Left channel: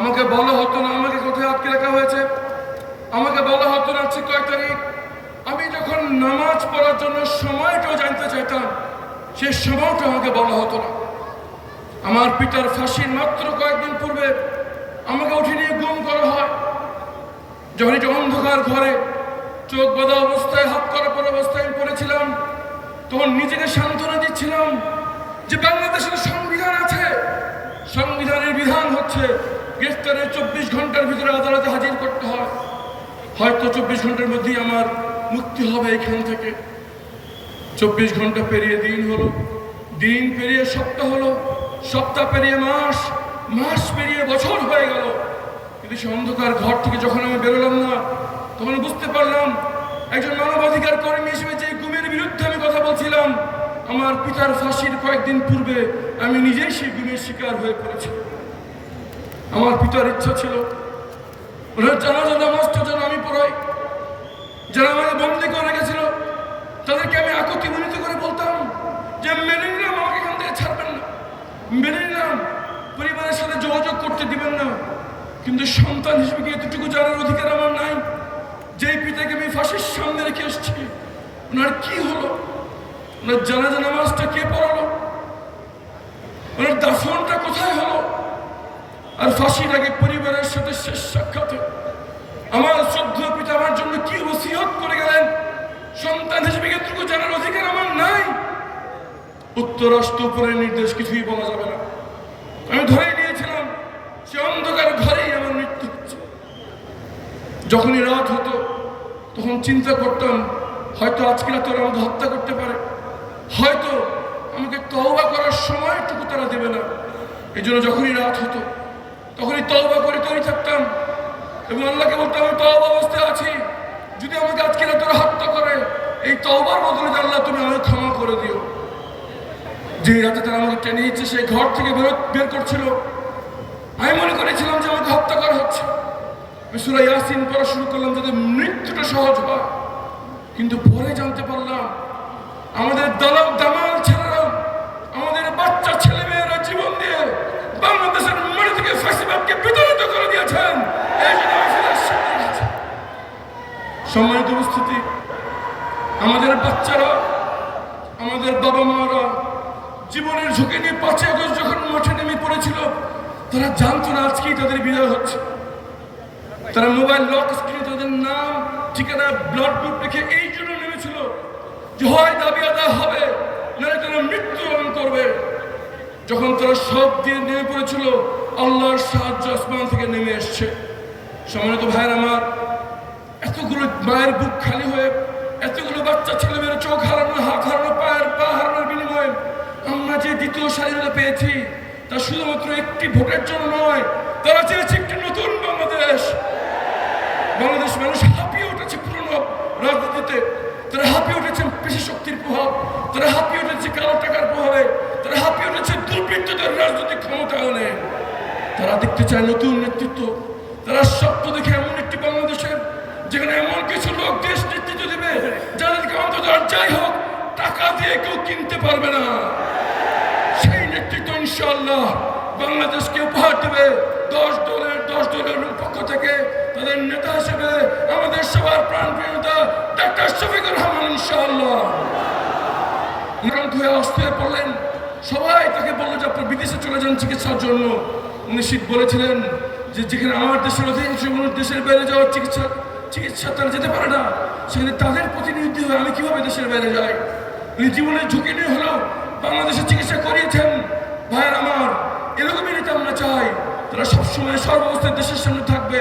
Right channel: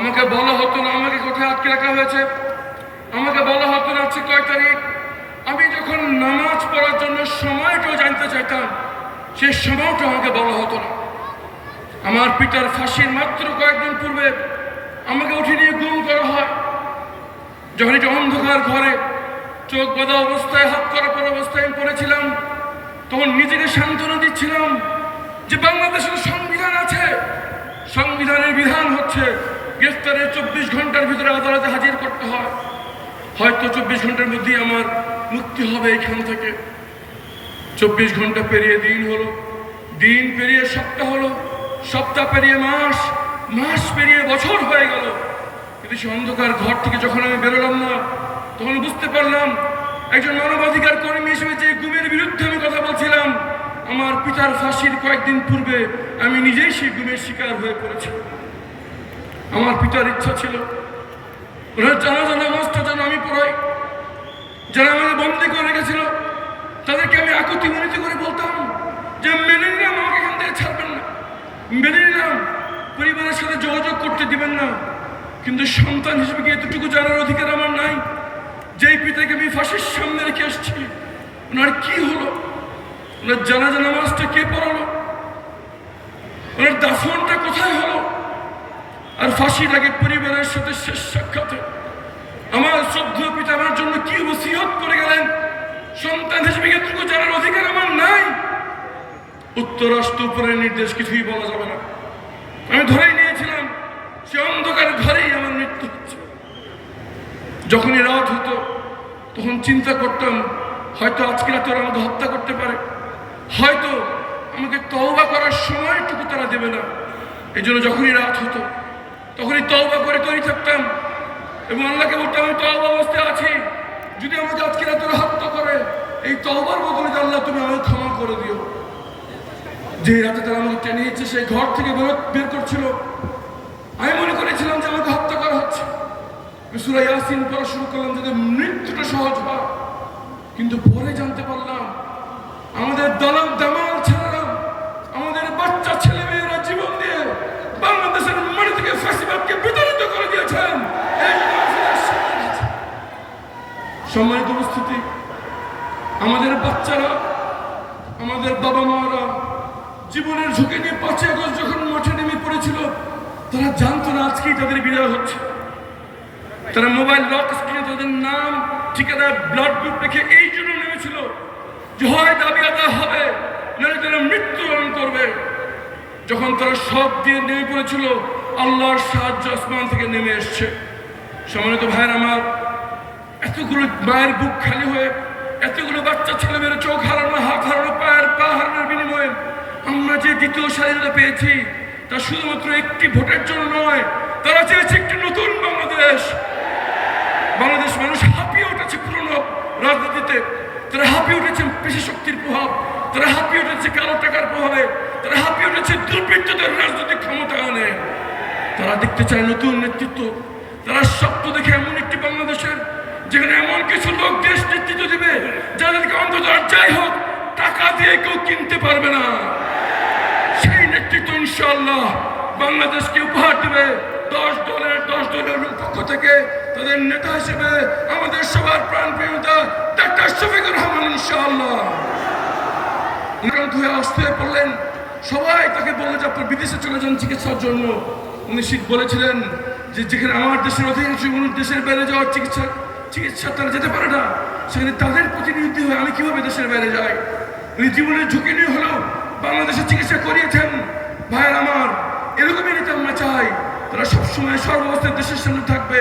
আমাকে বলা হতো না আমাকে কোথায় আটকে রাখা হয়েছে, আমাকে বলা হতো না হচ্ছে কয় তারিখ। আমি যখন নামাজ পড়ার জন্য সময়টাও জানতে চাইতাম, সে সময়টা আমাকে বলা হতো না। আমার পিতার ফাঁসির মাত্র কয়েকদিন পূর্বে আমাকে উঠে নিয়ে গুম করা হয়। যখন এটা অন্ধকার ঘরে চোখ বাঁধা অবস্থায়, হাত করা পর অবস্থায় আমি পড়েছিলাম, তখন নিজেকে সান্ত্বনা দিচ্ছিলাম যে বাংলাদেশের সংবিধান আছে, সংবিধানের বিধান হচ্ছে গ্রেফতারের 24 ঘন্টার ভিতরে আদালতে হাজির করতে হয়। হয়তো 24 ঘন্টার মধ্যেই আমার মুক্তি হবে এখান থেকে। 24 ঘন্টা পেরিয়ে দিন হলো, দিন পেরিয়ে সপ্তাহ হলো, সপ্তাহ পেরিয়ে মাস, মাস পেরিয়ে বছর হয়ে গেল। কিন্তু সে অন্ধকার ঘর থেকে যখন আমি বেরোলাম না, তখন বুঝতে পারলাম একজন মানবাধিকার কর্মী হিসেবে যে গুমের বিরুদ্ধে আমি কথা বলছিলাম, আমার পিতার ফাঁসির কয়েকদিন পূর্বে আমি নিজেই সেই গুমের শিকার হয়ে পড়েছি। আমার পিতার ইচ্ছা ছিল ওনার জানাজা নামাজটা যেন আমি পড়াই। যারা আমাকে বন্দী করে রেখেছিল তাদেরকে আমি আকুতি মিনতি করে বলতাম যে মেনে নিলাম, আমাকে এখান থেকে ছাড়বেন না, মেনে নিলাম পরিবারের সাথে যোগাযোগ করতে দিবেন না, কিন্তু সন্তান হিসেবে কি এতটুকু জানার অধিকার আমার নাই? যেই পিতাকে আমি ফাঁসির সামনে রেখে এসেছি, ওনার কি হলো? ওনার জানাজা নামাজটা কে পড়ালো? ওনার দাফনটা কোথায় হলো? আর ফাঁসির আগে পরিবারের সাথে শেষ সাক্ষাতে আমার শ্রদ্ধেয় পিতা আমার জন্য কি ওসিয়ত করে গেলেন, সন্তান হিসেবে এতটুকু জানার অধিকার আমার নাই? উত্তর রাষ্ট্র উপরের নির্দেশ, কিছুই বলা যাবে না। আমি ধরেই নিয়েছিলাম সে অন্ধকার ঘরেই আমার মৃত্যু হচ্ছে। যখনই রাত হতো তখন চিন্তা করতাম হয়তো আজকে রাতে ওরা আমাকে হত্যা করতে পারে, হয়তো আমাকে তওবা করার সময়টুকু তারা দেবে না। এই জন্য যখনই রাত হতো তখনই তওবা করে তৈরি থাকতাম এবং আল্লাহকে বলতাম আমি তওবা অবস্থায় আছি, যদি আমাকে আজকে রাতে ওরা হত্যা করে, এই তওবার বদলে আল্লাহ তুমি আমাকে ক্ষমা করে দিও। যে রাতে তারা আমাকে টেনে নিচ্ছে, সেই ঘর থেকে বের করছিল, আমি মনে করেছিলাম যে আমাকে হত্যা করা হচ্ছে। আমি সূরা ইয়াসিন পড়া শুরু করলাম যাতে মৃত্যুটা সহজ হয়, কিন্তু পরে জানতে পারলাম আমাদের দামাল ছেলেরা, আমাদের বাচ্চা ছেলে মেয়েরা জীবন দিয়ে বাংলাদেশের মাটি থেকে ফ্যাসিবাদকে বিতাড়িত করে দিয়েছেন। সম্মানিত উপস্থিতি, আমাদের বাচ্চারা, আমাদের বাবা মারা জীবনের ঝুঁকি নিয়ে 5 আগস্ট যখন মাঠে নেমে পড়েছিল, তারা জানতো না আজকেই তাদের বিদায় হচ্ছে। তারা মোবাইল লক স্ক্রিনে তাদের নাম, ঠিকানা, ব্লাড গ্রুপ রেখে এই জন্য নেমেছিল যে হয় দাবি আদায় হবে, নাহলে তারা মৃত্যুবরণ করবে। যখন তারা সব দিয়ে নেমে পড়েছিল, আল্লাহর সাহায্য আসমান থেকে নেমে এসছে। সম্মানিত ভাইয়ের আমার, এতগুলো মায়ের বুক খালি হয়ে, এতগুলো বাচ্চা ছেলেমেয়েরা চোখ হারানো, হাত হারানো, পা হারানোর বিনিময়ে আমরা যে দ্বিতীয় স্বাধীনতা পেয়েছি, তা শুধুমাত্র একটি ভোটের জন্য নয়, তারা চেয়েছে একটি নতুন বাংলাদেশ। বাংলাদেশ মানুষ হাঁপিয়ে উঠেছে পুরনো রাজনীতিতে, তারা হাঁপিয়ে উঠেছে পেশি শক্তির প্রভাব, তারা হাঁপিয়ে উঠেছে কালো টাকার প্রভাবে, তারা হাঁপিয়ে উঠেছে দুর্বৃত্তদের রাজনৈতিক ক্ষমতায়নে। তারা দেখতে চায় নতুন নেতৃত্ব। তারা স্বপ্ন দেখে এমন একটি বাংলাদেশের যেখানে এমন কিছু লোক দেশ নেতৃত্ব দেবে যাদেরকে অন্তত যাই হোক টাকা দিয়ে কেউ কিনতে পারবে না। সেই নেতৃত্ব ইনশাআল্লাহ বাংলাদেশকে উপহার দেবে 10 দলের পক্ষ থেকে তাদের নেতা হিসেবে আমাদের সবার প্রাণপ্রিয় নেতা ডক্টর শফিকুর রহমান ইনশাআল্লাহ। হয়ে অস্থির পড়লেন, সবাই তাকে বলল যে আপনি বিদেশে চলে যান চিকিৎসার জন্য। উনি বলেছিলেন যে যেখানে আমার দেশের অধিকাংশ মানুষ দেশের বাইরে যাওয়ার চিকিৎসা তারা যেতে পারে না, সেখানে তাদের প্রতিনিধি হয়ে আমি কিভাবে দেশের বাইরে যাই? উনি জীবনের ঝুঁকি নিয়ে হলেও বাংলাদেশে চিকিৎসা করিয়েছেন। ভাইয়ের আমার, এরকমই নেতা আমরা চাই। তারা সবসময় সর্বাবস্থায় দেশের সামনে থাকবে,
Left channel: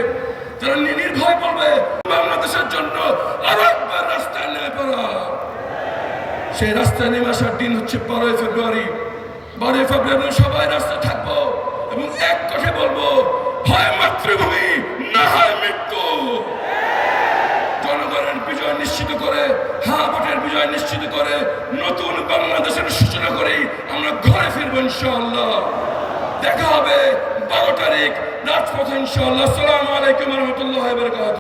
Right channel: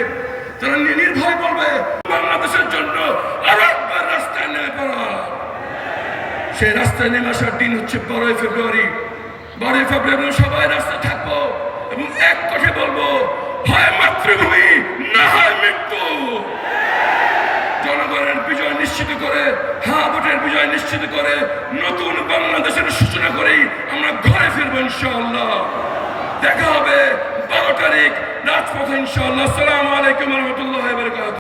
তারা নির্ভয় বলবে বাংলাদেশের জন্য আরো একবার রাস্তায় নেমে পড়া। সেই রাস্তায় নেমে আসার দিন হচ্ছে 12ই ফেব্রুয়ারি। 12ই ফেব্রুয়ারি সবাই রাস্তায় থাকবো এবং এক কথা বলবো, হয় মাতৃভূমি না হয় মৃত্যু। জনগণের বিজয় নিশ্চিত করে, হ্যাঁ ভোটের বিজয় নিশ্চিত করে নতুন বাংলাদেশের সূচনা করেই আমরা ঘরে ফিরবো ইনশাআল্লাহ। দেখা হবে 12 তারিখ রাজপথে ইনশাআল্লাহ। আসসালামু আলাইকুম ওয়া রাহমাতুল্লাহি ওয়া বারাকাতুহু।